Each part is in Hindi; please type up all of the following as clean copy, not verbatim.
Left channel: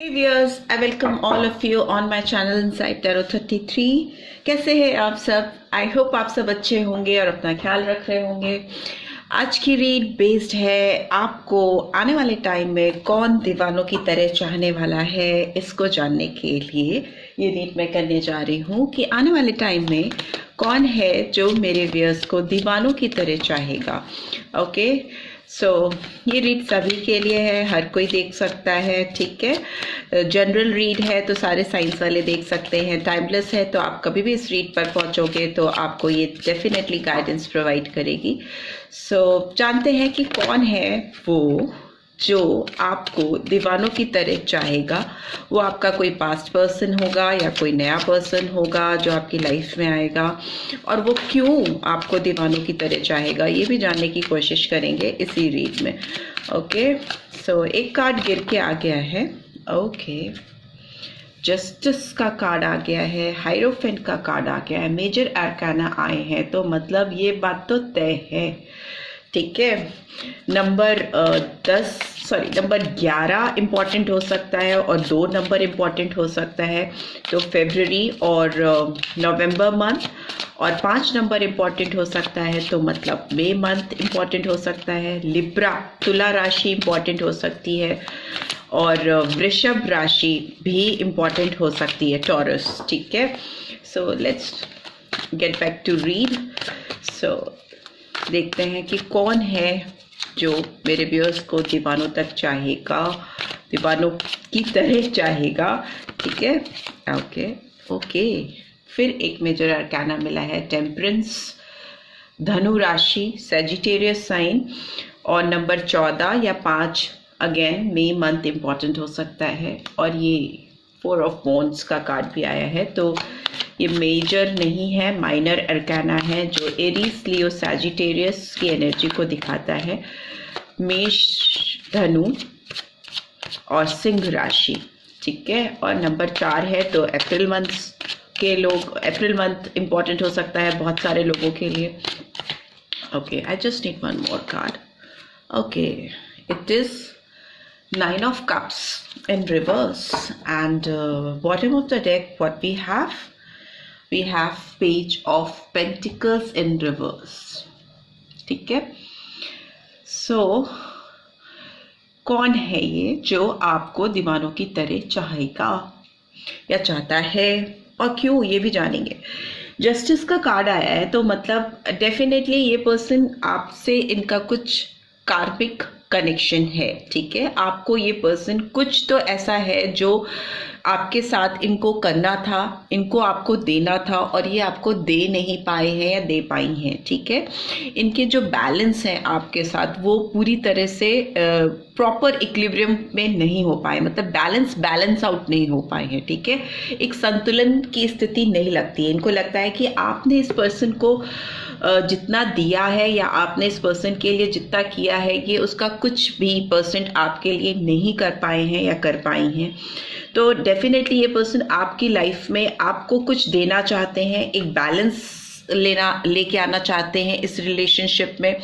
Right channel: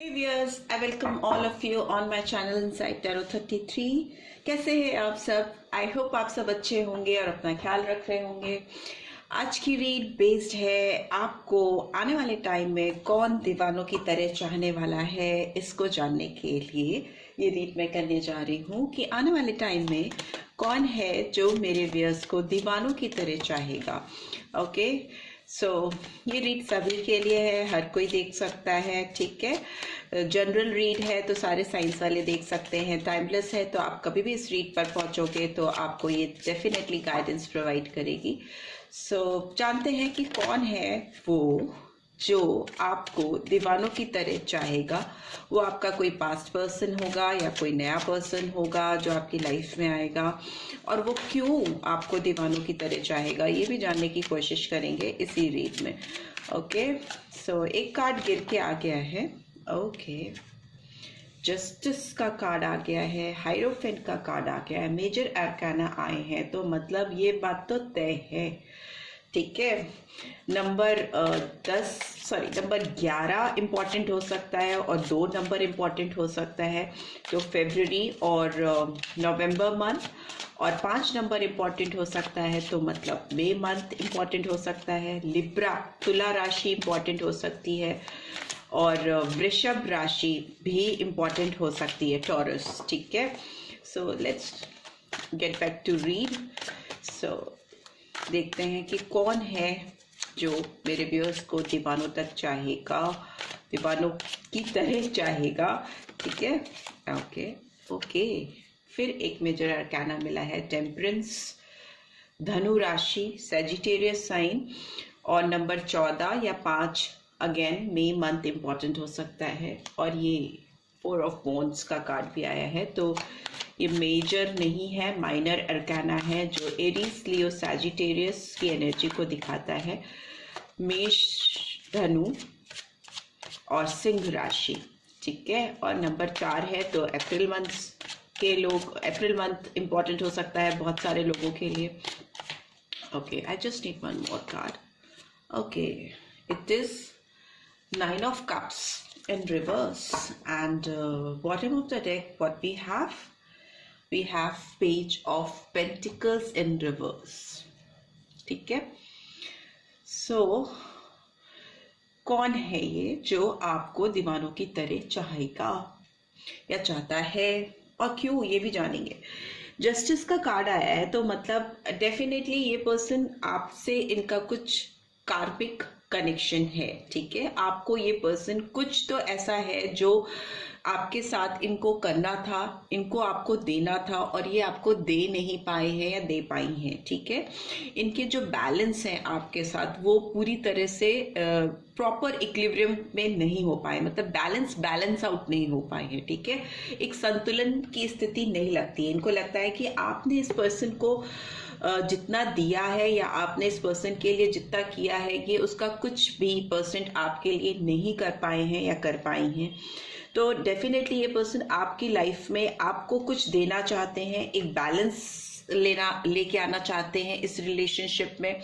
Hey viewers, I welcome all of you on my channel Inside Tarot 33। कैसे हैं आप सब? आई होप आप सब अच्छे होंगे और अपना ख्याल रख रहे होंगे। आज की रीड बेस्ड है आपको आने वाले टाइम में कौन दीवानों की तरह चाहने वाला है, इसको जानने के लिए ये रीड मैं करने जा रही हूँ कि आने वाले टाइम में कौन है जो मेरे व्यूअर्स को दीवानों की तरह चाहेगा। ओके, सो ये रीड सभी के लिए है, हर कोई देख सकता है, ठीक है। जनरल रीड है तो सारे साइंस वाले देख सकते हैं, टाइमलेस है तो आप कभी भी इस रीड पर पहुंचोगे तो आपको ये डेफिनेटली गाइडेंस प्रोवाइड करेगी। सो जानते हैं कि कौन है वो जो आपको दीवानों की तरह चाहेगा। वो आपका कोई पास्ट पर्सन होगा या कोई नया पर्सन होगा जो आपकी लाइफ में आएगा, और वो क्यों आपको दीवानों की तरह चाहेगा ये भी जानने की कोशिश करेंगे इसी रीड में। ओके, सो एक कार्ड गिर के आ गया है। ओके, जस्टिस का कार्ड आ गया है, हाइरोफेंट का कार्ड आ गया है, मेजर आर्काना आए हैं, तो मतलब ये बात तो तय है, ठीक है। नंबर 11 इम्पॉर्टेंट हो सकता है और 2 नंबर इम्पॉर्टेंट हो सकता है, तो फेब्रुअरी और नवंबर मंथ, और 5 नंबर इम्पॉर्टेंट हो सकता है, तो मतलब मई मंथ इम्पॉर्टेंट हो सकता है। लिब्रा तुला राशि इम्पॉर्टेंट हो सकती है, और वृषभ राशि भी इम्पॉर्टेंट हो सकती है, टॉरस, ठीक है। So let's get back to read. सो देखते हैं कि कौन है जो मेरे व्यूअर्स को दीवानों तक चाहेगा, दीवानों की तरह चाहेगा, ठीक है। ओके, फिर एक मेजर आर्काना मिला है, टेम्परेंस, धनु राशि, सैजिटेरियस साइन, और नंबर 14 या 5 अगेन मई मंथ इम्पॉर्टेंट हो सकता है, और ये 4 ऑफ वॉन्ड्स का कार्ड भी आया है, तो ये मेजर नहीं है, माइनर अरकाना है जो एरीज, लियो, सैजिटेरियस की एनर्जी को दिखाता है। मेष, धनु और सिंह राशि, ठीक है। और नंबर 4 है, तो अप्रैल मंथ इम्पॉर्टेंट हो सकता है बहुत सारे लोगों के लिए। Okay, I just need one more card. Okay, it is 9 of Cups in reverse, and bottom of the deck what we have Page of Pentacles in reverse, ठीक है। सो कौन है ये जो आपको दीवानों की तरह चाहेगा या चाहता है, और क्यों ये भी जानेंगे। जस्टिस का कार्ड आया है, तो मतलब डेफिनेटली ये पर्सन आपसे, इनका कुछ कार्मिक कनेक्शन है, ठीक है। आपको ये पर्सन कुछ तो ऐसा है जो आपके साथ इनको करना था, इनको आपको देना था, और ये आपको दे नहीं पाए हैं या दे पाई हैं, ठीक है। इनके जो बैलेंस हैं आपके साथ वो पूरी तरह से प्रॉपर इक्विलिब्रियम में नहीं हो पाए, मतलब बैलेंस आउट नहीं हो पाए हैं, ठीक है। एक संतुलन की स्थिति नहीं लगती है। इनको लगता है कि आपने इस पर्सन को जितना दिया है या आपने इस पर्सन के लिए जितना किया है, ये उसका कुछ भी परसेंट आपके लिए नहीं कर पाए हैं या कर पाई हैं। तो डेफिनेटली ये पर्सन आपकी लाइफ में आपको कुछ देना चाहते हैं, एक बैलेंस लेके आना चाहते हैं इस रिलेशनशिप में।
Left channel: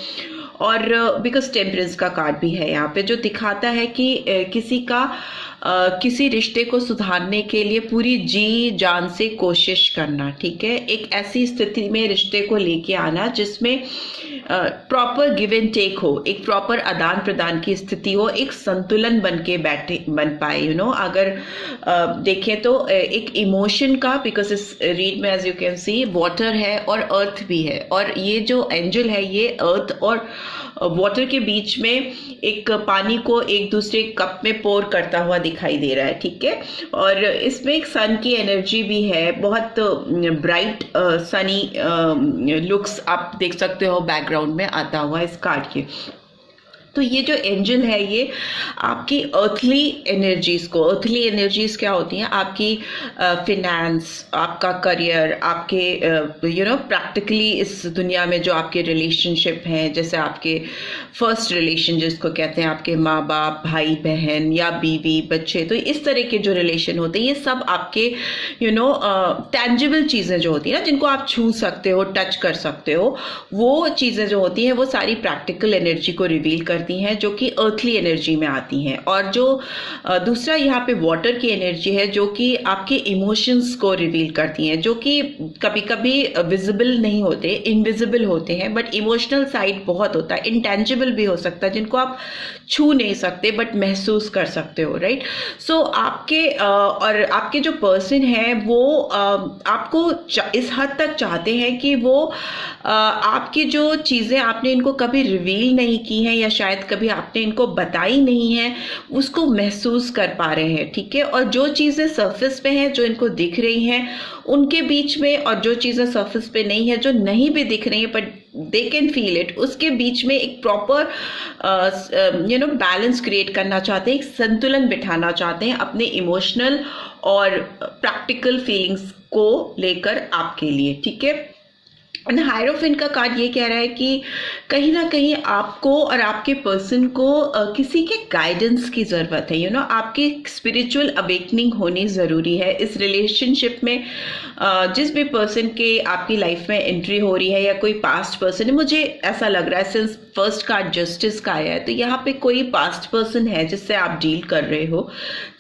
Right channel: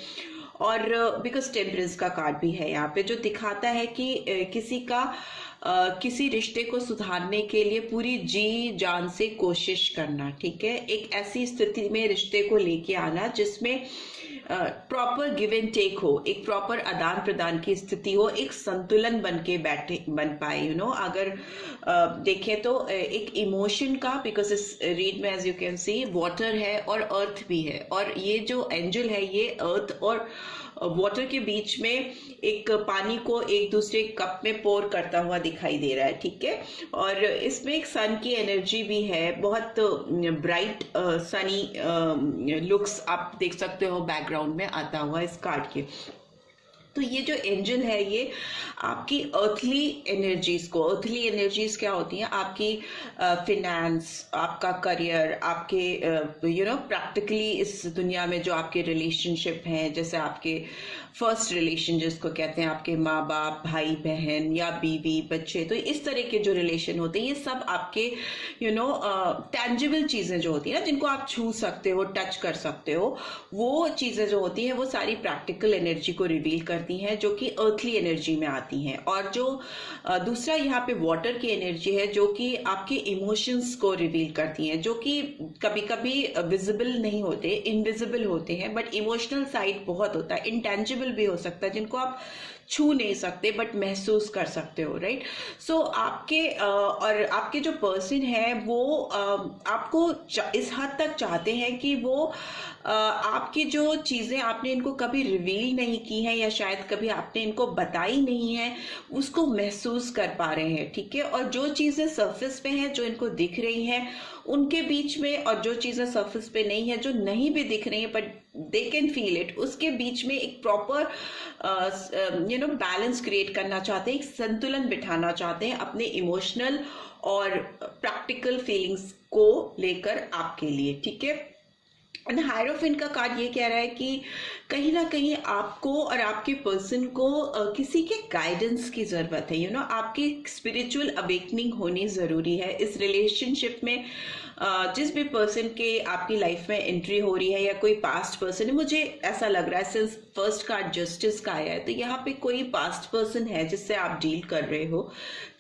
और बिकॉज टेम्परेंस का कार्ड भी है यहाँ पे, जो दिखाता है कि किसी रिश्ते को सुधारने के लिए पूरी जी जान से कोशिश करना, ठीक है। एक ऐसी स्थिति में रिश्ते को लेके आना जिसमें प्रॉपर गिव एंड टेक हो, एक प्रॉपर आदान प्रदान की स्थिति हो, एक संतुलन बन पाए, यू नो। अगर देखें तो एक इमोशन का, बिकॉज इस रीड में as you can see water है और अर्थ भी है, और ये जो एंजल है ये अर्थ और वाटर के बीच में एक पानी को एक दूसरे कप में पोर करता हुआ दिखाई दे रहा है, ठीक है। और इसमें एक सन की एनर्जी भी है, बहुत ब्राइट सनी लुक्स आप देख सकते हो बैकग्राउंड में आता हुआ इस कार्ड के। तो ये जो एंजल है ये आपकी अर्थली एनर्जीज क्या होती हैं, आपकी फिनेंस, आपका करियर, आपके प्रैक्टिकली इस दुनिया में जो आपके रिलेशनशिप हैं, जैसे आपके फर्स्ट रिलेशन जिसको कहते हैं, आपके माँ बाप, भाई बहन या बीवी बच्चे, तो इस तरह के जो रिलेशन होते हैं ये सब आपके टैंजिबल चीज़ें जो होती हैं ना, जिनको आप छू सकते हो, टच कर सकते हो, वो चीज़ें जो होती हैं वो सारी प्रैक्टिकल एनर्जी को रिवील कर करती हैं जो कि अर्थली एनर्जी में आती हैं, और जो दूसरा यहाँ पे वाटर की एनर्जी है जो कि आपके इमोशंस को रिवील करती हैं, जो कि कभी कभी विजिबल नहीं होते, इनविजिबल होते हैं, बट इमोशनल साइड बहुत होता है, इंटेंजिबल भी हो सकता है, जिनको आप छू नहीं सकते बट महसूस कर सकते हो, राइट। सो आपके और आपके जो पर्सन है वो आपको इस हद तक चाहते हैं कि वो आपकी जो चीज़ें आपने इनको कभी रिवील नहीं की हैं या शायद कभी आपने इनको बताई नहीं है, उसको महसूस कर पा रहे हैं, ठीक है। और जो चीज़ें सरफेस पे हैं, जो इनको दिख रही हैं उनके बीच में, और जो चीज़ें सरफेस पे नहीं है, जो नहीं भी दिख रही है but they can feel it, उसके बीच में एक प्रॉपर बैलेंस क्रिएट करना चाहते हैं, एक संतुलन बिठाना चाहते हैं अपने इमोशनल और प्रैक्टिकल फीलिंग्स को लेकर आपके लिए, ठीक है। एंड हायरोफेंट का कार्ड ये कह रहा है कि कहीं ना कहीं आपको और आपके पर्सन को किसी के गाइडेंस की ज़रूरत है, आपकी स्पिरिचुअल अवेकनिंग होनी ज़रूरी है इस रिलेशनशिप में। जिस भी पर्सन के आपकी लाइफ में एंट्री हो रही है या कोई पास्ट पर्सन है, मुझे ऐसा लग रहा है सिंस फर्स्ट कार्ड जस्टिस का आया है, तो यहाँ पे कोई पास्ट पर्सन है जिससे आप डील कर रहे हो,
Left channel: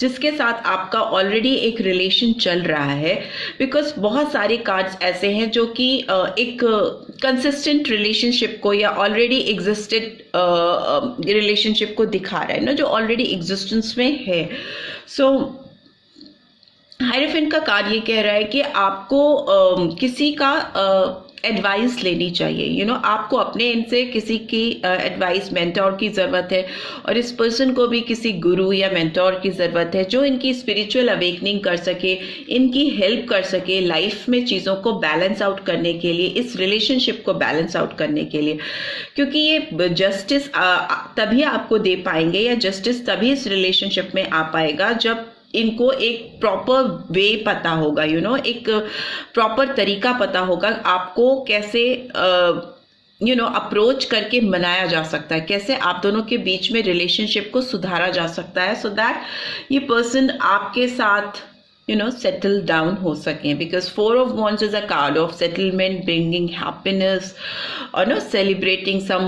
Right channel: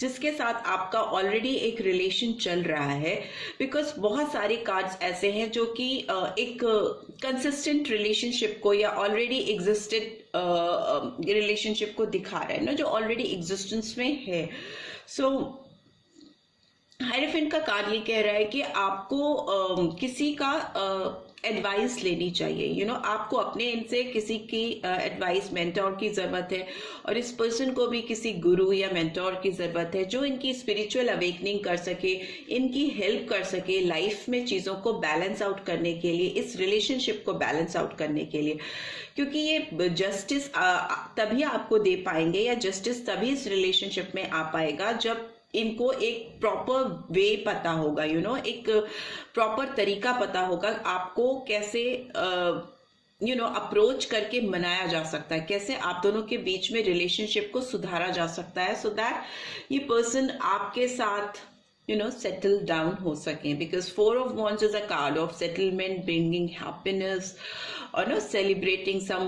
जिसके साथ आपका ऑलरेडी एक रिलेशन चल रहा है। बिकॉज बहुत सारे कार्ड्स ऐसे हैं जो कि एक कंसिस्टेंट रिलेशनशिप को या ऑलरेडी एग्जिस्टेड रिलेशनशिप को दिखा रहा है ना, जो ऑलरेडी एग्जिस्टेंस में है। सो हायरोफेंट का कार्ड ये कह रहा है कि आपको किसी का एडवाइस लेनी चाहिए, आपको अपने इनसे किसी की एडवाइस, मेंटोर की ज़रूरत है, और इस पर्सन को भी किसी गुरु या मेंटोर की ज़रूरत है जो इनकी स्पिरिचुअल अवेकनिंग कर सके, इनकी हेल्प कर सके लाइफ में चीज़ों को बैलेंस आउट करने के लिए, इस रिलेशनशिप को बैलेंस आउट करने के लिए। क्योंकि ये जस्टिस तभी आपको दे पाएंगे, या जस्टिस तभी इस रिलेशनशिप में आ पाएगा जब इनको एक प्रॉपर वे पता होगा, एक प्रॉपर तरीका पता होगा आपको कैसे अप्रोच करके मनाया जा सकता है, कैसे आप दोनों के बीच में रिलेशनशिप को सुधारा जा सकता है, सो दैट ये पर्सन आपके साथ settle down हो सकें। Because 4 of Wands is a card of settlement, bringing happiness और celebrating some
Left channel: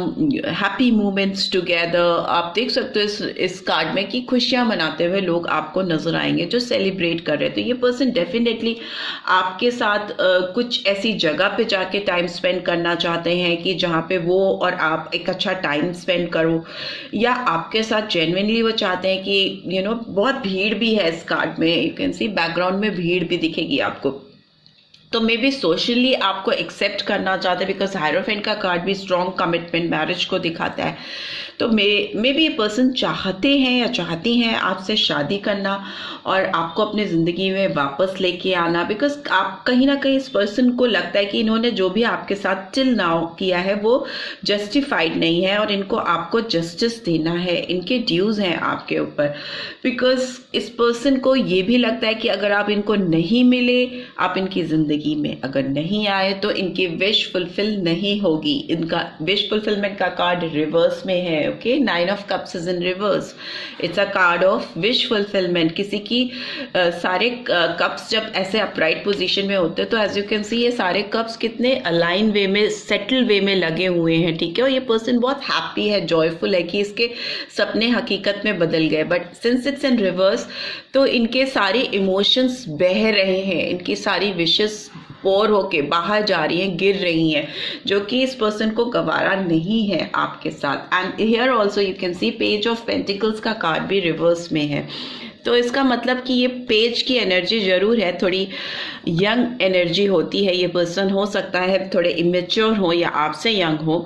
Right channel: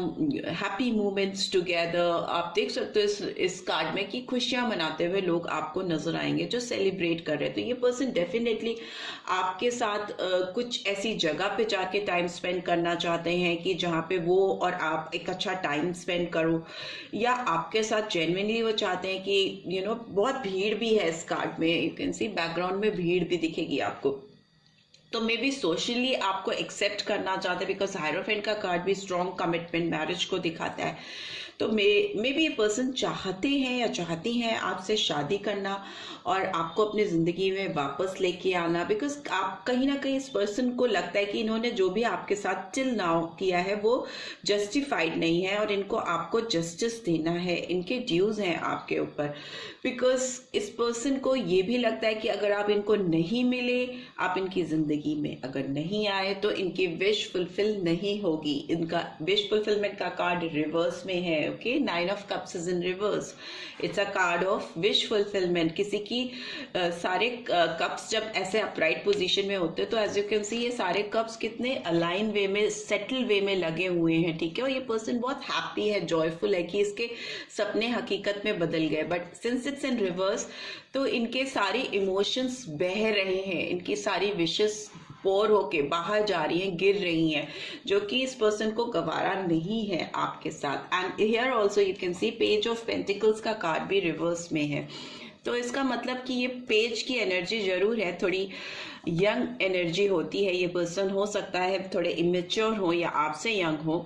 happy moments together। आप देख सकते हो इस कार्ड में कि खुशियां मनाते हुए लोग आपको नजर आएंगे जो सेलिब्रेट कर रहे हैं। तो ये पर्सन डेफिनेटली आपके साथ कुछ ऐसी जगह पे जाके टाइम स्पेंड करना चाहते हैं कि जहाँ पे वो और आप एक अच्छा टाइम स्पेंड करो, या आपके साथ जेन्युइनली वो चाहते हैं कि बहुत भीड़ भी है इस कार्ड में, यू कैन सी बैकग्राउंड में भीड़ भी दिखेगी आपको, तो मे बी सोशली आपको एक्सेप्ट करना चाहते हैं। बिकॉज हायरोफेंट का कार्ड भी स्ट्रॉन्ग कमिटमेंट, मैरिज को दिखाता है। तो मे बी ये पर्सन चाहते हैं या चाहती हैं आपसे शादी करना और आपको अपनी ज़िंदगी में वापस लेके आना। बिकॉज आप कहीं ना कहीं इस पर्सन को लगता है कि इन्होंने जो भी आपके साथ टिल नाउ किया है वो जस्टिफाइड नहीं है, और इनको आपको जस्टिस देना है, इनके ड्यूज हैं आपके ऊपर। बिकॉज इस पर्सन को ये भी लगता है कि अगर आप इनको नहीं मिले, आप इनकी ज़िंदगी में अगर नहीं आए, तो इनकी विश फुलफिल नहीं होगी। इनका विश फुलफिलमेंट का कार्ड रिवर्स में है, okay. 9 of Cups is in reverse, it's a card of wish fulfilment. किसी की सारे कप्स जब ऐसे अपराइट पोजीशन में होते हैं तो एज यू कैन सी ये सारे कप्स कितने अलाइन वे में, सेटल वे में लगे हुए हैं, ठीक है। और ये पर्सन बहुत हैप्पी है, जॉयफुल है कि इसके सपने हकीकत में बदल गए। But since it's in reverse, तो इनके सारे इमोशंस बह रहे हैं, इनकी सारी विशेस पोर होके बाहर जा रही हैं, गिर रही हैं, जो कि इस पर्सन को गवारा नहीं है आपके साथ। And here also you can C page of pentacles का कार्ड भी रिवर्स में है। तो इसका मतलब कि ये पेज की एनर्जी जरूर है, थोड़ी यंग एनर्जी होती है। ये पर्सन हो सकता है थोड़े इमेच्योर हो या आपसे यंग हो,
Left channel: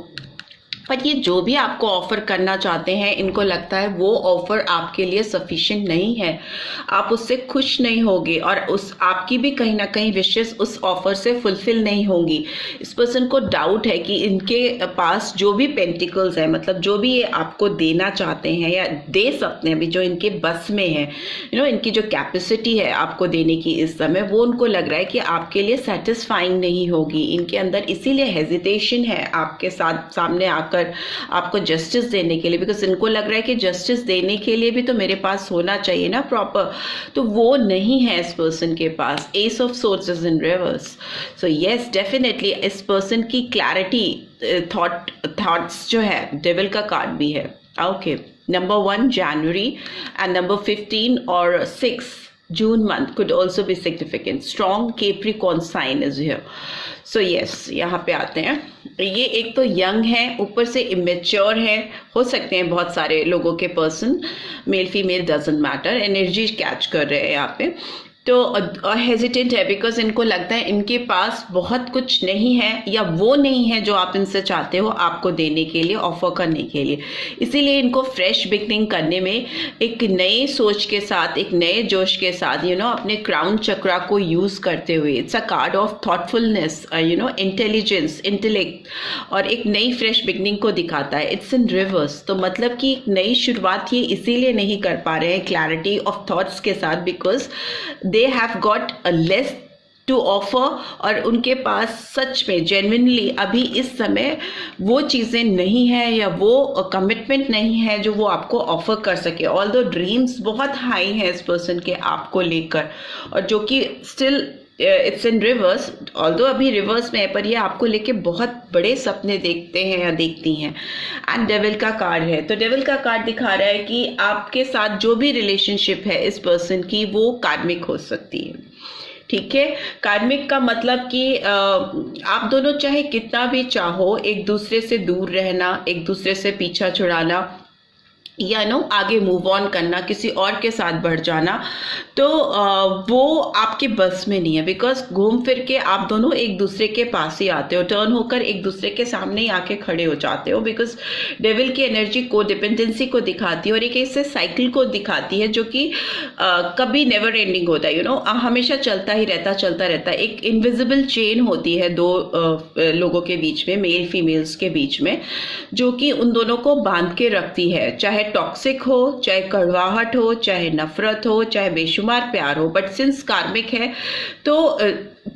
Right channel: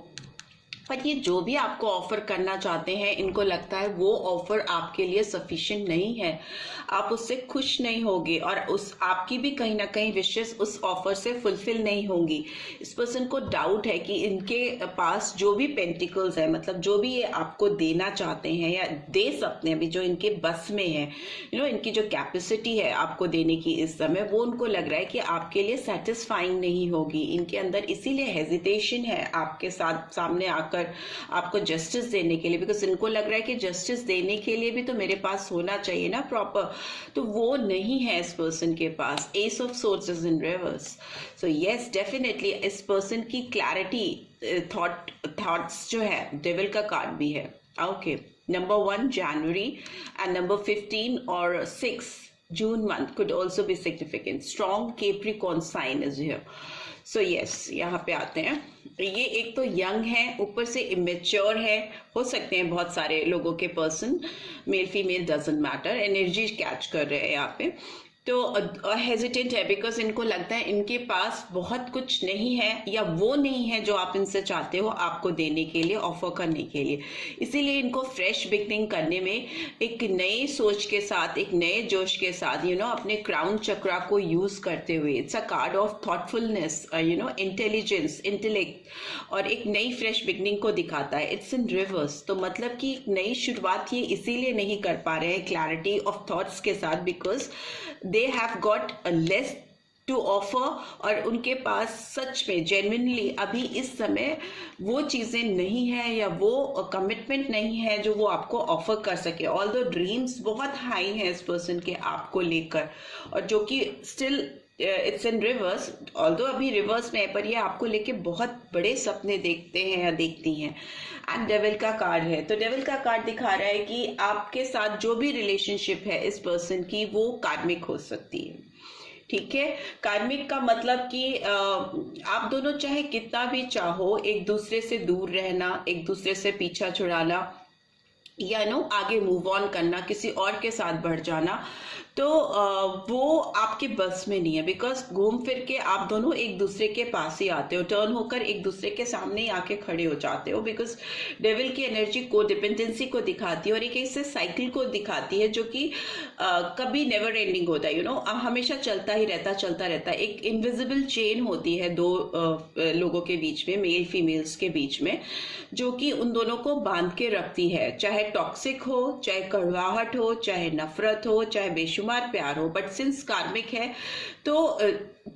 बट ये जो भी आपको ऑफर करना चाहते हैं, इनको लगता है वो ऑफर आपके लिए सफिशिएंट नहीं है, आप उससे खुश नहीं होगे, और उस आपकी भी कहीं ना कहीं विशेस उस ऑफर से फुलफिल नहीं होंगी। इस पर्सन को डाउट है कि इनके पास जो भी पेंटिकल्स है, मतलब जो भी ये आपको देना चाहते हैं या दे सकते हैं, अभी जो इनके बस में है, इनकी जो कैपेसिटी है आपको देने की इस समय, वो उनको लग रहा है कि आपके लिए सेटिस्फाइंग नहीं होगी। इनके अंदर इसीलिए हेजिटेशन है आपके साथ सामने आकर आपको जस्टिस देने के लिए। बिकॉज इनको लग रहा है कि जस्टिस देने के लिए भी तो मेरे पास होना चाहिए ना प्रॉपर, तो वो नहीं है इस पर्सन के पास। Ace of swords is in reverse. So yes, definitely इस पर्सन की क्लैरिटी, थॉट्स जो है, डेविल का कार्ड भी है, Okay, number 1 January and number 15 or 6 June month could also be significant. Strong Capricorn sign is here. So yes, यहाँ पे आते हैं. ये एक तो यंग है, ऊपर से इमेच्योर है. हो सकते हैं बहुत सारे लोगों के person, male female doesn't matter, energy catch कर रहे हैं यहाँ पे. तो हेजिटेंट है बिकॉज इनको लगता है इनके पास बहुत कुछ नहीं है या वो नहीं है जो आप इनसे चाहते हो आपको देने के लिए, ऑफर करने के लिए. इसीलिए इनको फ्रेश बिगनिंग करने में एक नए सोच के साथ, एक नए जोश के साथ अपने क्राउन चक्रा को यूज करते हुए, it's a card of thoughtfulness, intelligence, intellect, और एक नई फ्रेश बिगनिंग को दिखाता है. It's in reverse. तो मतलब कि एक नई शुरुआत ये इसीलिए नहीं कर पा रहे हैं क्लैरिटी ऑफ थॉट्स के साथ, because they have got a less to offer, और उनके पास सच में जेन्युइनली अभी इस समय वो चीज़ें नहीं है या वो कमिटमेंट नहीं है जो वो आपको ऑफर कर सके. ऑल्दो ड्रीम्स बहुत हाई हैं इस पर्सन के आपको लेकर, और जो कि still it's in reverse. Although अभी रिवर्स में है, पर ये आपको लेके बहुत बड़े सपने देखते हैं या देखती हैं. एंड डेविल का कार्ड है. तो डेविल का कार्ड दिखा रहा है कि आपके साथ जो भी रिलेशनशिप है इस पर्सन की, वो कार्मिक हो सकती है. ठीक है, कार्मिक का मतलब कि आप दोनों चाहे कितना भी चाहो एक दूसरे से दूर रहना, एक दूसरे से पीछा छुड़ाना, या आगे मूव ऑन करना, किसी और के साथ बढ़ जाना, तो वो आपके बस में नहीं है. बिकॉज घूम फिर के आप दोनों एक दूसरे के पास ही आते हो, टर्न होकर एक दूसरे के सामने ही आके खड़े हो जाते हो. बिकॉज डेविल की एनर्जी को डिपेंडेंसी को दिखाती है और एक ऐसे साइकिल को दिखाती है जो कि कभी नेवर एंडिंग होता है. हमेशा चलता ही रहता, चलता रहता है. एक इनविजिबल चेन होती है दो लोगों के बीच में, मेल फीमेल्स के बीच में, जो कि उन दोनों को बांध के रखती है. चाहे टॉक्सिक हो, चाहे कड़वाहट हो, चाहे नफरत हो, चाहे बेशुमार प्यार हो, बट सिंस कार्मिक है तो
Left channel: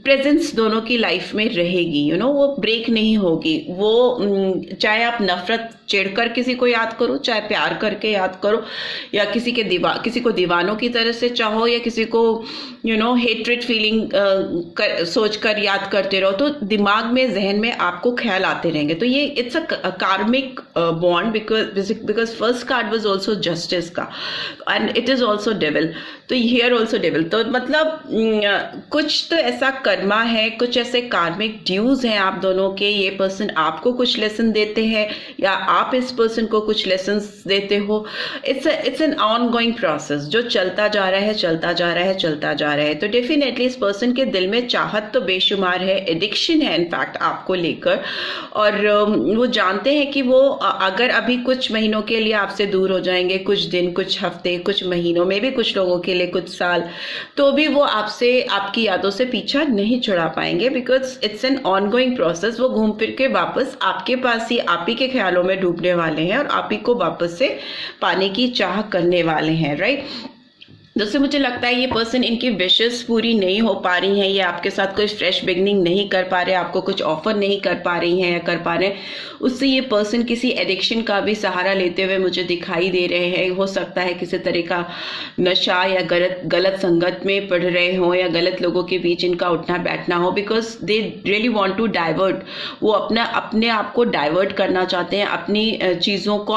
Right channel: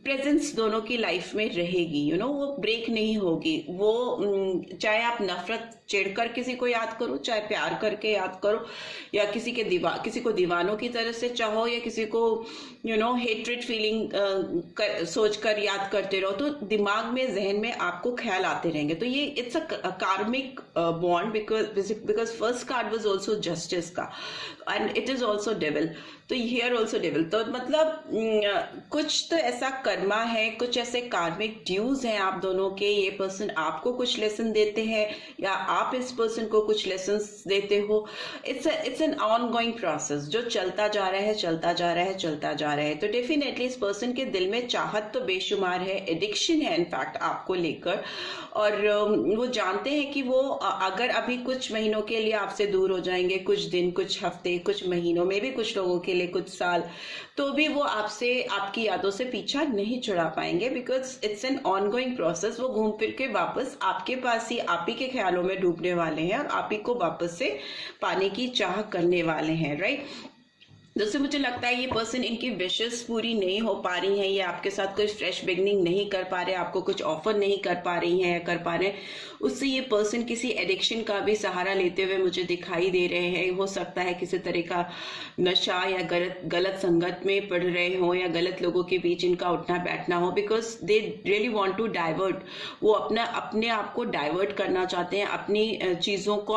प्रेजेंस दोनों की लाइफ में रहेगी. वो ब्रेक नहीं होगी. वो चाहे आप नफरत चिढ़कर किसी को याद करो, चाहे प्यार करके याद करो, या किसी को दीवानों की तरह से चाहो, या किसी को हेट्रेड फीलिंग सोच कर याद करते रहो, तो दिमाग में, जहन में आपको ख्याल आते रहेंगे. तो ये it's a karmic bond, because first card was also Justice का, and it is also Devil. तो हियर आल्सो डेविल. तो मतलब कुछ तो ऐसा कर्मा है, कुछ ऐसे कार्मिक ड्यूज हैं आप दोनों के. ये पर्सन आपको कुछ लेसन देते हैं या आप इस पर्सन को कुछ लेसन्स देते हो. It's an on going process जो चलता जा रहा है, चलता जा रहा है, चलता जा रहा है. तो डेफिनेटली इस पर्सन के दिल में चाहत तो बेशुमार है, एडिक्शन है इनफैक्ट आपको लेकर, और वो जानते हैं कि वो अगर अभी कुछ महीनों के लिए आपसे दूर हो जाएंगे, कुछ दिन, कुछ हफ्ते, कुछ महीनों में भी, कुछ लोगों के लिए कुछ साल, तो भी वो आपसे, आपकी यादों से पीछा नहीं छुड़ा पाएंगे. Because it's an on going process. वो घूम फिर के वापस आपके पास ही, आप ही के ख्यालों में डूबने वाले हैं और आप ही को वापस से पाने की चाह करने वाले हैं. राइट. दोस्तों मुझे लगता है ये पर्सन, इनकी विशेस पूरी नहीं हो पा रही हैं, ये आपके साथ कोई फ्रेश बिगनिंग नहीं कर पा रहे, आपको कुछ ऑफर नहीं कर पा रही हैं या कर पा रहे हैं. उससे ये पर्सन किसी एडिक्शन का भी सहारा लेते हुए मुझे दिखाई दे रहे हैं. हो सकता है किसी तरह का नशा या गलत संगत में पढ़ रहे हों, या गलत लोगों के बीच इनका उठना बैठना हो, because they really want to divert. वो अपने आप को डाइवर्ट करना चाहते हैं, अपनी चीज़ों को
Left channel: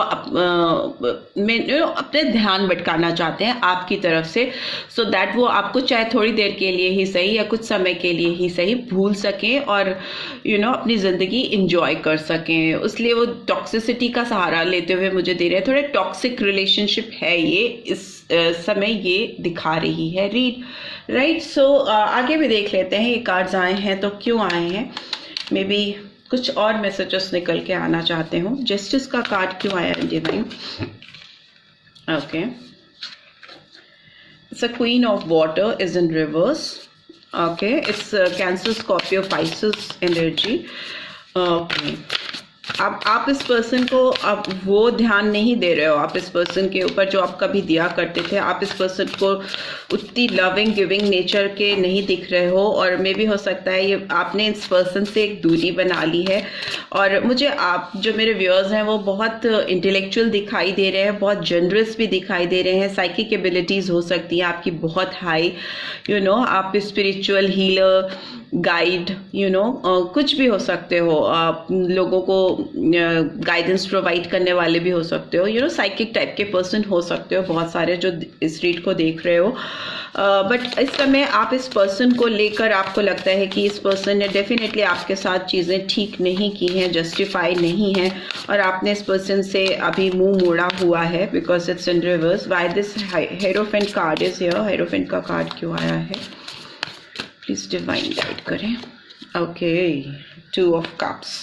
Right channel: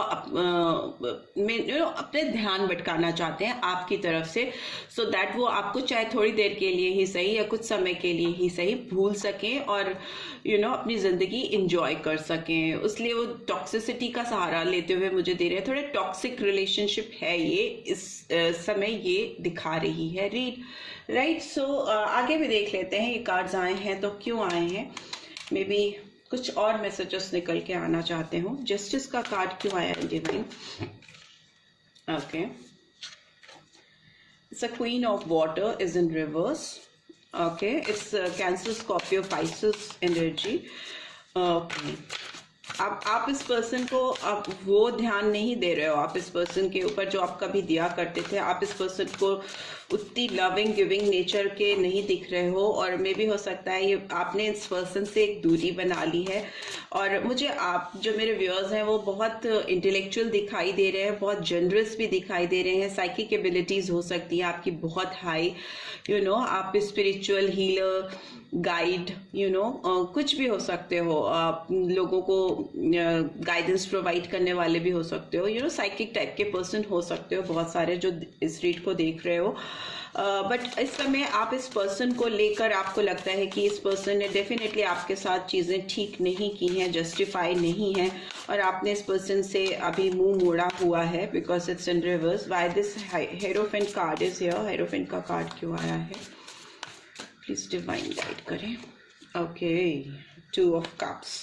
अपने ध्यान भटकाना चाहते हैं आपकी तरफ से, सो दैट वो आपको चाहे थोड़ी देर के लिए ही सही या कुछ समय के लिए ही सही भूल सकें और अपनी जिंदगी इंजॉय कर सकें. इसलिए वो टॉक्सिसिटी का सहारा लेते हुए मुझे दे रहे हैं. थोड़े टॉक्सिक रिलेशनशिप है ये इस समय, ये दिखा रही है रीड. राइट. सो आगे भी देख लेते हैं ये कार्ड्स आए हैं तो क्यों आए हैं. मे बी कुछ और मैसेजेस निकल के आना चाहते हो. जस्टिस का कार्ड क्यों आया है divine. Okay. It's a Queen of Water is in reverse. Okay, it's Cancer, Scorpio, Pisces energy. Okay. अब आप इस पर्सन को अब वो ध्यान नहीं दे रहे हो, आप इस पर्सन के ऊपर जो आप कभी दिया करते थे. आप इस पर्सन को उतनी लविंग गिविंग नेचर के नहीं दिख रहे हो, और मे भी हो सकता है ये आपने इस पर्सन से एक दूरी बना ली है. और मुझे आप जो मेरे व्यूअर्स हैं वो बहुत इंटेलेक्चुअल दिखाई दे रहे हैं, बहुत जनरस भी दिखाई दे रहे हैं. साइकिक एबिलिटीज़ हो सकती हैं आपकी बहुत हाई. आप स्पिरिचुअल हीलर, गाइड, कुछ भी हो सकते हो. आप लोगों को गाइडेंस प्रोवाइड करने वाले भी हो सकते हो, साइकिक टाइप के पर्सन हो सकते हो, बहुत सारे जो इस रीड को देख रहे हो। बट इस समय आप इस पर्सन को लेकर आपको लगता है कि इस पर्सन ने डेफिनेटली आपके साथ चीज़ें ठीक नहीं की हैं, जस्टिफाई नहीं है, और आपने इस पर्सन से अभी मुंह मोड़ा हुआ है because it's in reverse. Why this hierophant card is here? Hierophant का कार्ड क्यों आया है? प्लीज डिवाइन गाइड करें। Okay, 2 of cups.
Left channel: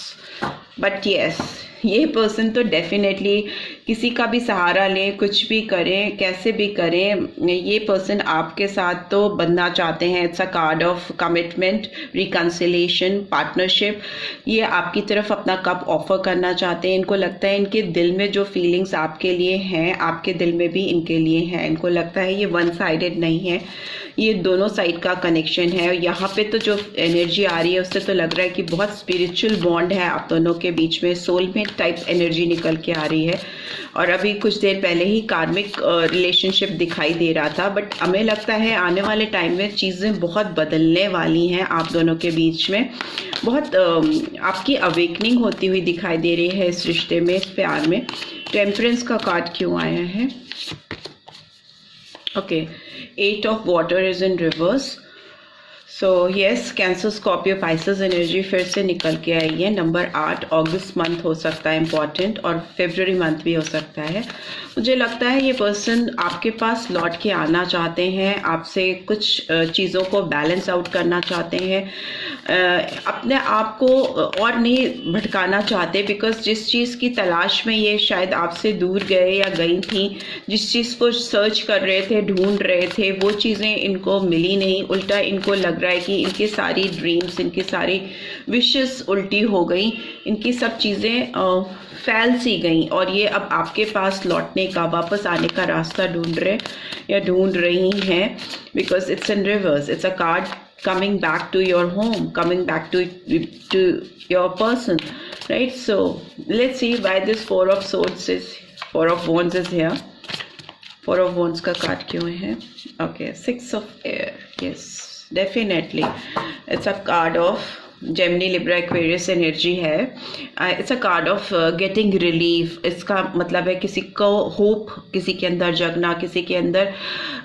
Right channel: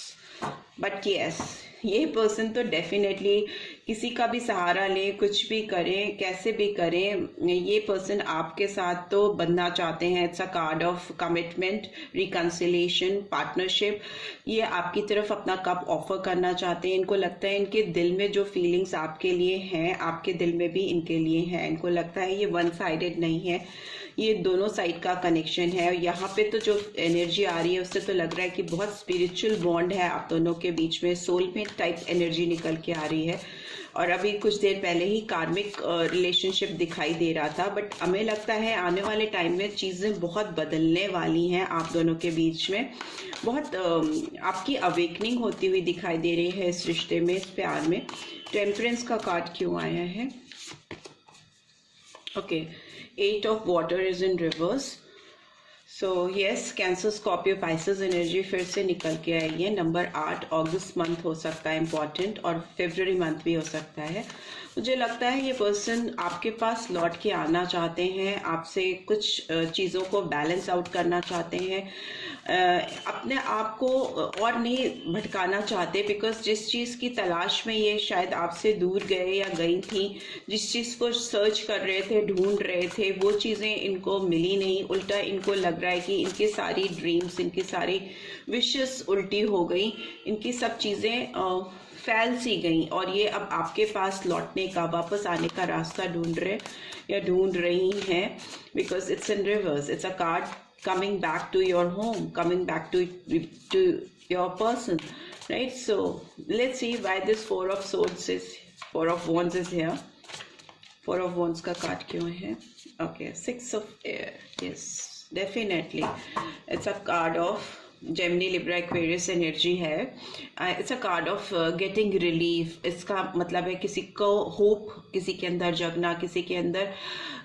But yes, ये पर्सन तो डेफिनेटली किसी का भी सहारा ले, कुछ भी करें, कैसे भी करें, ये पर्सन आपके साथ तो बनना चाहते हैं। It's a card of commitment, reconciliation, partnership. ये आपकी तरफ अपना कप ऑफर करना चाहते हैं। इनको लगता है इनके दिल में जो फीलिंग्स आपके लिए हैं, आपके दिल में भी इनके लिए हैं। इनको लगता है ये वन साइडेड नहीं है, ये दोनों साइड का कनेक्शन है। यहाँ पे तो जो एनर्जी आ रही है उससे तो लग रहा है कि बहुत स्पिरिचुअल बॉन्ड है आप दोनों के बीच में, सोलमेट टाइप एनर्जी निकल के आ रही है। और अभी कुछ देर पहले ही कार्मिक रिलेशनशिप दिखाई दे रहा था, बट हमें लगता है आने वाले टाइम में चीज़ें बहुत बदलने वाली हैं आप दोनों के बीच में। बहुत आपकी अवेकनिंग होती हुई दिखाई दे रही है इस रिश्ते में, इस प्यार में। टेम्परेंस का कार्ड क्यों आया है? Okay, 8 of water is in reverse. So yes, cancer, Scorpio, Pisces energy फिर से निकल के आई है। नंबर 8, अगस्त मंथ हो सकता है इम्पॉर्टेंट, और फेब्रुअरी मंथ भी हो सकता है। मुझे लगता है ये पर्सन आपके पास लौट के आना चाहते हैं, आपसे कुछ चीज़ों को बैलेंस आउट करना चाहते हैं, अपने आप को और नहीं भटकाना चाहते, बिकॉज जिस चीज़ की तलाश में ये शायद आपसे दूर गए या गई थी, जिस चीज़ को सर्च कर रहे थे, ढूंढ रहे थे, वो चीज़ें इनको मिली नहीं। उल्टा इनको लग रहा है कि इनकी सारी ड्रीम्स, इनकी सारी विशेस उल्टी हो गई, इनकी सब चीज़ें फैल सी गई, और ये अब आपके पास लौटने का, वापस आने का रास्ता ढूंढ रहे या ढूंढ रही हैं, because it's in reverse. It's a card coming back to your home, coming back to your person, right? So let's see why this 4 of wands is here. 4 of wands का कार्ड क्यों है? Okay, 6 of air. Yes, definitely it's a card of Gemini, Libra, Aquarius energy है। It's a card of getting relief. इसका मतलब है किसी को होप, किसी के अंदर जगना, किसी के अंदर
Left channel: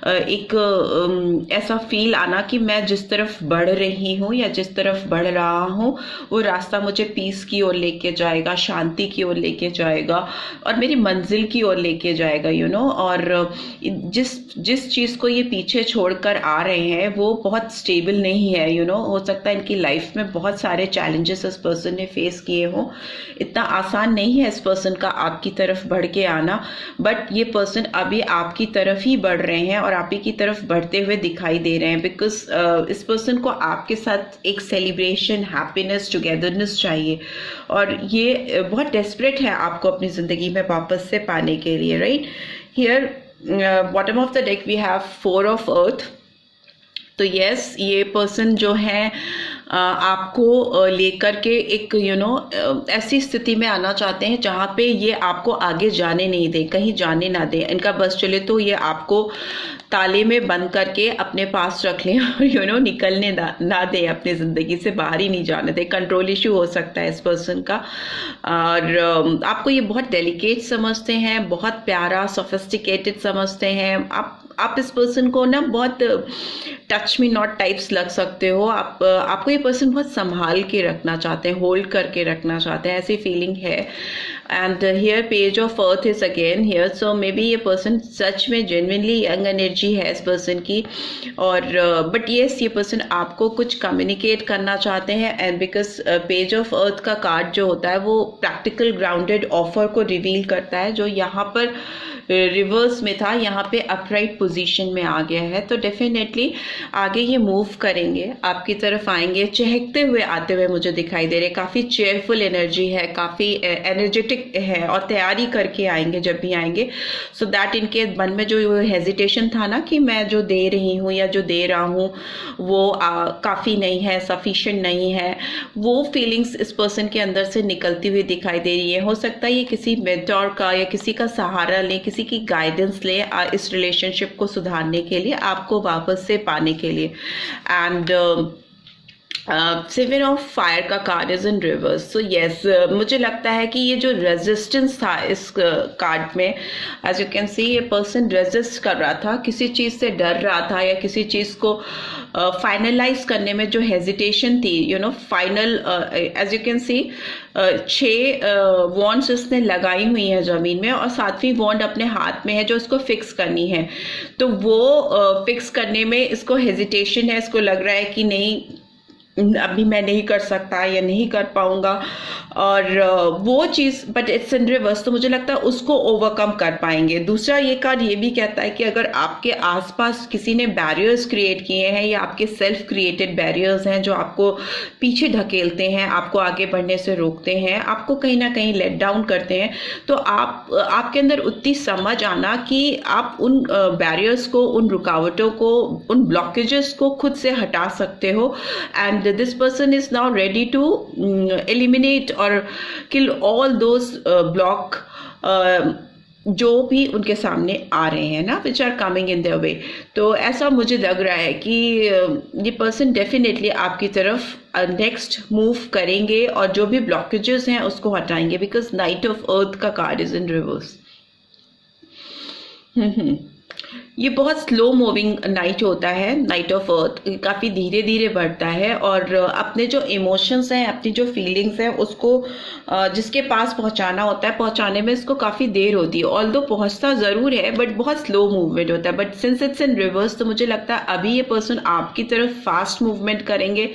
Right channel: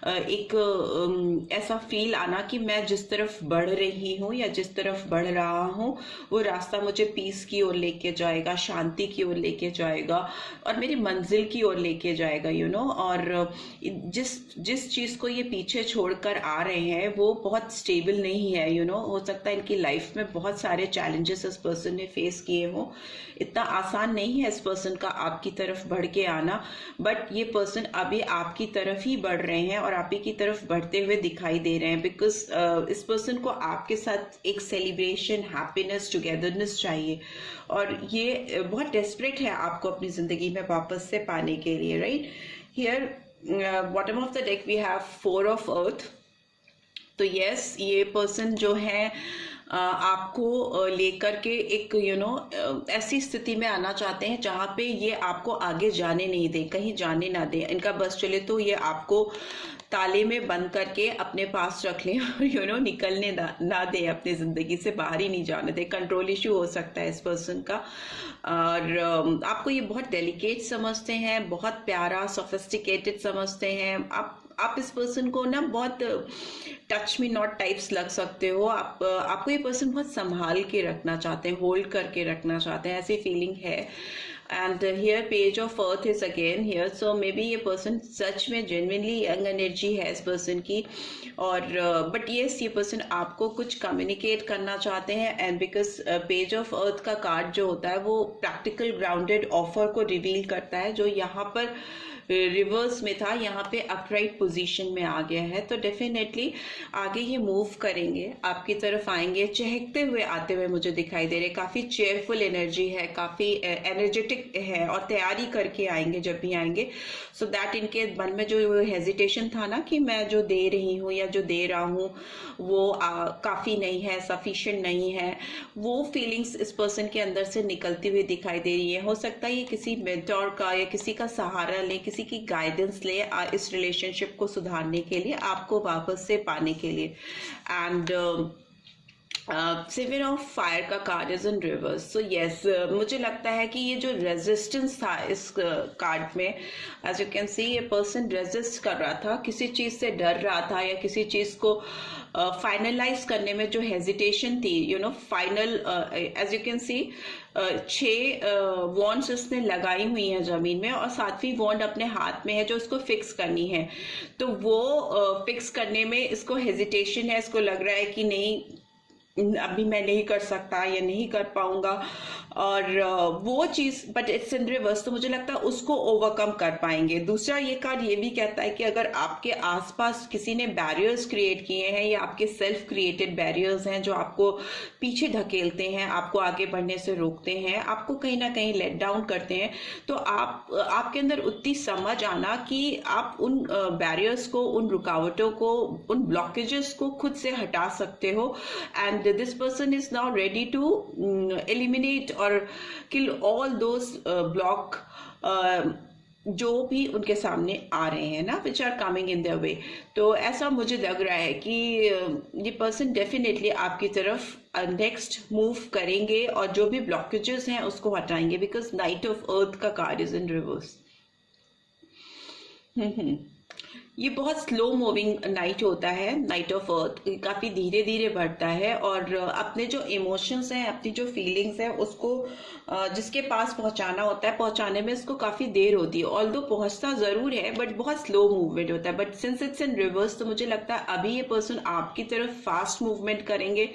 एक ऐसा फील आना कि मैं जिस तरफ बढ़ रही हूँ या जिस तरफ बढ़ रहा हूँ वो रास्ता मुझे पीस की ओर लेके जाएगा, शांति की ओर लेके जाएगा, और मेरी मंजिल की ओर लेके जाएगा, और जिस चीज़ को ये पीछे छोड़कर आ रहे हैं वो बहुत स्टेबल नहीं है, हो सकता है इनकी लाइफ में बहुत सारे चैलेंजेस इस पर्सन ने फेस किए हों। इतना आसान नहीं है इस पर्सन का आपकी तरफ बढ़ के आना, बट ये पर्सन अभी आपकी तरफ ही बढ़ रहे हैं और आप ही की तरफ बढ़ते हुए दिखाई दे रहे हैं, बिकॉज इस पर्सन को आपके साथ एक सेलिब्रेशन, हैप्पीनेस, टुगेदरनेस चाहिए, और ये बहुत डेस्परेट है आपको अपनी ज़िंदगी में वापस से पाने के लिए, right? Here bottom of the deck we have 4 of earth. तो यस, ये पर्सन जो है आपको लेकर के एक ऐसी स्थिति में आना चाहते हैं जहाँ पे ये आपको आगे जाने नहीं दें, कहीं जाने ना दें। इनका बस चले तो ये आपको ताले में बंद करके अपने पास रख लें और निकलने ना दें, अपनी ज़िंदगी से बाहर ही नहीं जाने दें। कंट्रोल इशू हो सकता है इस पर्सन का, और आपको ये बहुत डेलिकेट समझते हैं, बहुत प्यारा, सोफिस्टिकेटेड समझते हैं। आप इस पर्सन को ना बहुत टच मी नॉट टाइप्स लग सकते हो। आपको ये पर्सन बहुत संभाल के रखना चाहते हैं, होल्ड करके रखना चाहते हैं, ऐसी फीलिंग है। And here page of earth is again here, so may be ये पर्सन सच में जेन्युइनली यंग एनर्जी है इस पर्सन की, और बट येस, ये पर्सन आपको कुछ कम्युनिकेट करना चाहते हैं। And because page of earth का कार्ड जो होता है वो प्रैक्टिकल ग्राउंडेड ऑफर को रिवील करता है, जो यहाँ पर रिवर्स में था, यहाँ पे अपराइट पोजीशन में आ गया है। तो डेफिनेटली आगे ये मूव करेंगे, आपकी तरफ आएंगे, चहकते हुए आते हुए मुझे दिखाई दे रहे। काफ़ी चेयरफुल एनर्जी है, काफ़ी एनर्जेटिक है, और तैयारी करके आएंगे जब भी आएंगे, सो दैट इनके मन में जो हेजिटेशन था ना कि मैं जो दे रही हूँ या जो दे रहा हूँ वो काफ़ी नहीं है, सफिशिएंट नहीं है, वो फीलिंग्स इस पर्सन के अंदर से निकलती हुई दिखाई दे रही है। हो सकता है ये किसी मेंटोर का या किसी का सहारा ले, किसी की गाइडेंस ले इस रिलेशनशिप को सुधारने के लिए, आपको वापस से पाने के लिए। एंड सेवन ऑफ फायर का card is in reverse. So yes, मुझे लगता है कि ये जो रेजिस्टेंस था इस कार्ड में, एज यू कैन सी ये पर्सन रेजिस्ट कर रहा था, किसी चीज़ से डर रहा था या किसी चीज़ को फाइनलाइज करने में जो हेजिटेशन थी, you know final, as you can see 6 wands इसने लगाई हुई है ज़मीन में और 7वीं वॉन्ड अपने हाथ में है जो इसको फिक्स करनी है। तो वो फिक्स करने में इसको हेजिटेशन है, इसको लग रहा है कि नहीं अभी मैं नहीं कर सकता या नहीं कर पाऊंगा, और वो चीज़, बट इट्स इन रिवर्स, तो मुझे लगता है उसको ओवरकम कर पाएंगे। दूसरा ये कार्ड ये भी कहता है कि अगर आपके आसपास किसी ने बैरियर्स क्रिएट किए हैं या आपके सेल्फ क्रिएटेड बैरियर्स हैं जो आपको पीछे ढकेलते हैं, आपको आगे बढ़ने से रोकते हैं, आपको कहीं ना कहीं लेट डाउन करते हैं, तो आपके अंदर उतनी समझ आना कि आप उन बैरियर्स को, उन रुकावटों को, उन ब्लॉकेजेस को खुद से हटा सकते हो। And this person is now ready to eliminate और किल ऑल दोज ब्लॉक जो भी उनके सामने आ रहे हैं ना, which are coming in their way. तो ऐसा मुझे लग रहा है कि ये पर्सन डेफिनेटली आपकी तरफ नेक्स्ट मूव करेंगे और जो भी ब्लॉकेजेस हैं उसको हटाएंगे, बिकॉज नाइट ऑफ अर्थ का कार्ड इज इन रिवर्स। ये बहुत स्लो मूविंग नाइट होता है, नाइट ऑफ अर्थ काफ़ी धीरे धीरे बढ़ता है और अपने जो इमोशंस हैं, अपनी जो फीलिंग्स हैं उसको जिसके पास पहुंचाना होता है, पहुंचाने में इसको काफ़ी देर होती है। ऑल्दो पहुंचता ज़रूर है बट बहुत स्लो मूवमेंट होता है। But since it's in reverse तो मुझे लगता है अभी ये पर्सन आपकी तरफ फास्ट मूवमेंट करेंगे,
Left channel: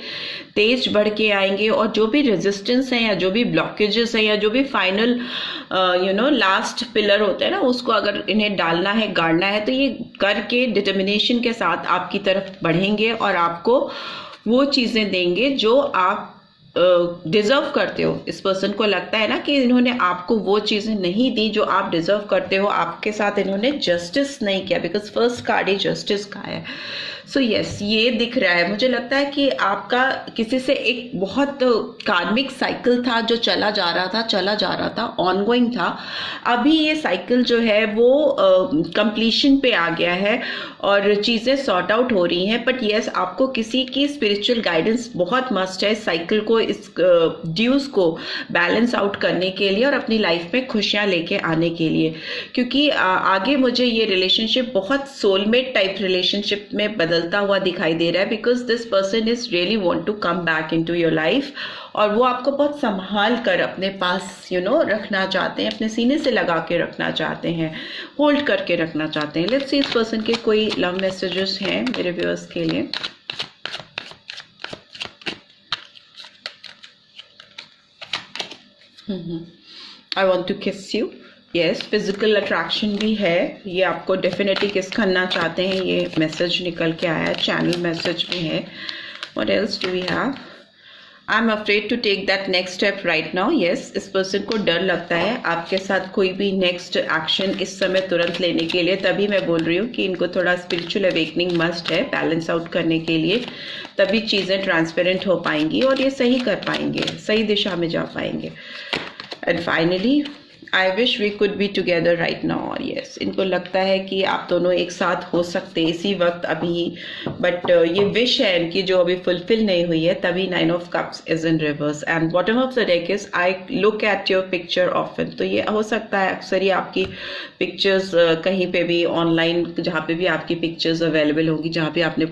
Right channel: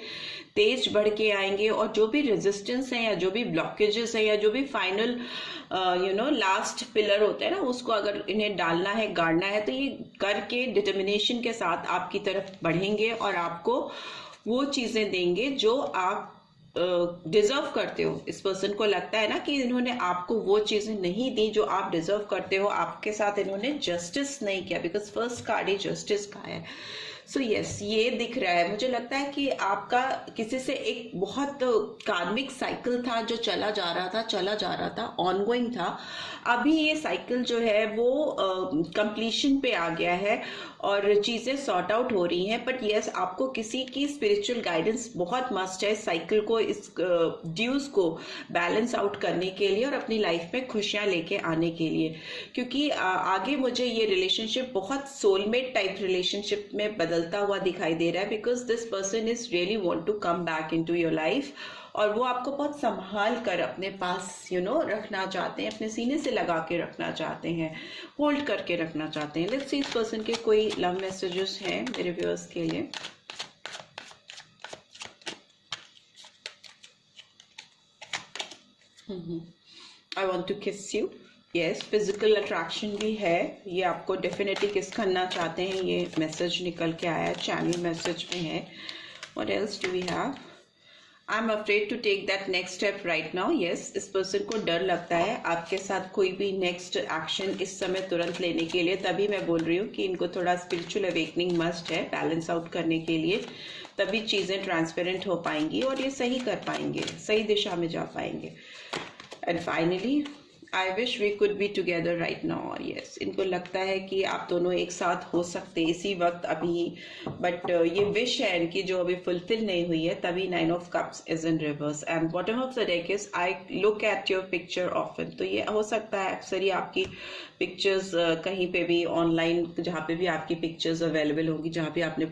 तेज बढ़ के आएंगे और जो भी रेजिस्टेंस है या जो भी ब्लॉकेजेस है या जो भी फाइनल लास्ट पिलर होता है ना, उसको अगर इन्हें डालना है, गाड़ना है, तो ये करके डिटर्मिनेशन के साथ आपकी तरफ बढ़ेंगे और आपको वो चीज़ें देंगे जो आप डिजर्व करते हो। इस पर्सन को लगता है ना कि इन्होंने आपको वो चीज़ें नहीं दी जो आप डिजर्व करते हो, आपके साथ इन्होंने जस्टिस नहीं किया, because first card he justice का है। सो यस, ये दिख रहा है। मुझे लगता है कि आपका किसी से एक बहुत कार्मिक साइकिल था जो चला जा रहा था, ऑनगोइंग था। अभी ये साइकिल जो है वो कंप्लीशन पे आ गया है और चीज़ें सॉर्ट आउट हो रही हैं। बट यस, आपको किसी की स्पिरिचुअल गाइडेंस बहुत मस्ट है साइकिल को, इस ड्यूज को बैलेंस आउट करने के लिए और अपनी लाइफ में खुशियाँ लेके आने के लिए, क्योंकि आगे मुझे ये रिलेशनशिप बहुत सोलमेट टाइप रिलेशनशिप में बदलता हुआ दिखाई दे रहा है, because this person is really want to come back into your life और वो आपको बहुत संभाल कर अपने पास रखना चाहते हैं, अपने सीने से लगा के रखना चाहते हैं, होल्ड करके रखना चाहते हैं। लेट्स सी इस पर्सन के कोई लव मैसेजेस हैं मेरे व्यूअर्स के लिए। आई वॉन्ट टू किस यू। यस, फिजिकल अट्रैक्शन भी है, ये आपको डेफिनेटली किस करना चाहते हैं, ये मैसेज निकल के आया, चैनल मैसेज में है। What else do we have? I am afraid to take that next step right now. Yes, इस पर्सन को डर लगता है आपके साथ कोई भी नेक्स्ट एक्शन इस समय तुरंत लेने के लिए। तभी मैं बोल रही हूँ कि इनको थोड़ा स्पिरिचुअल अवेकनिंग मस्ट है बैलेंस आउट करने के लिए, तभी चीज़ें ट्रांसपेरेंट हो पाएंगी और ये सही कर पाएंगे, सही दिशा में जा पाएंगे। And finally I wish we could be together right now. और यस, इनको लगता है कि आप दोनों एक साथ हो सकते इसी वक्त अभी, बट ये विश है इनकी जो अभी फुलफिल नहीं हुई है, तभी 9 of cups is in reverse and bottom of the deck is I look at your picture often. तो ये हो सकता है अक्सर ही आपकी पिक्चर्स कहीं पे भी ऑनलाइन, जहाँ पे भी आपकी पिक्चर्स अवेलेबल होंगी, जहाँ पे आपने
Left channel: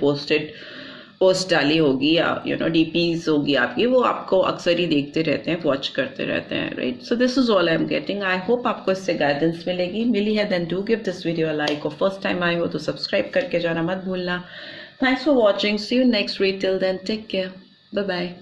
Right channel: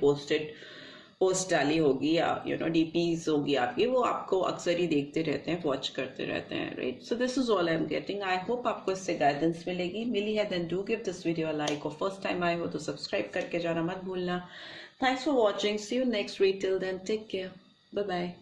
पोस्ट डाली होगी या डीपीज होगी आपकी, वो आपको अक्सर ही देखते रहते हैं, वॉच करते रहते हैं, right. So this is all I am getting. I hope आपको इससे गाइडेंस मिलेगी। मिली है then do give this video a like और फर्स्ट टाइम आए हो तो सब्सक्राइब करके जाना मत भूलना। Thanks for watching, see you next video, till then take care, bye bye.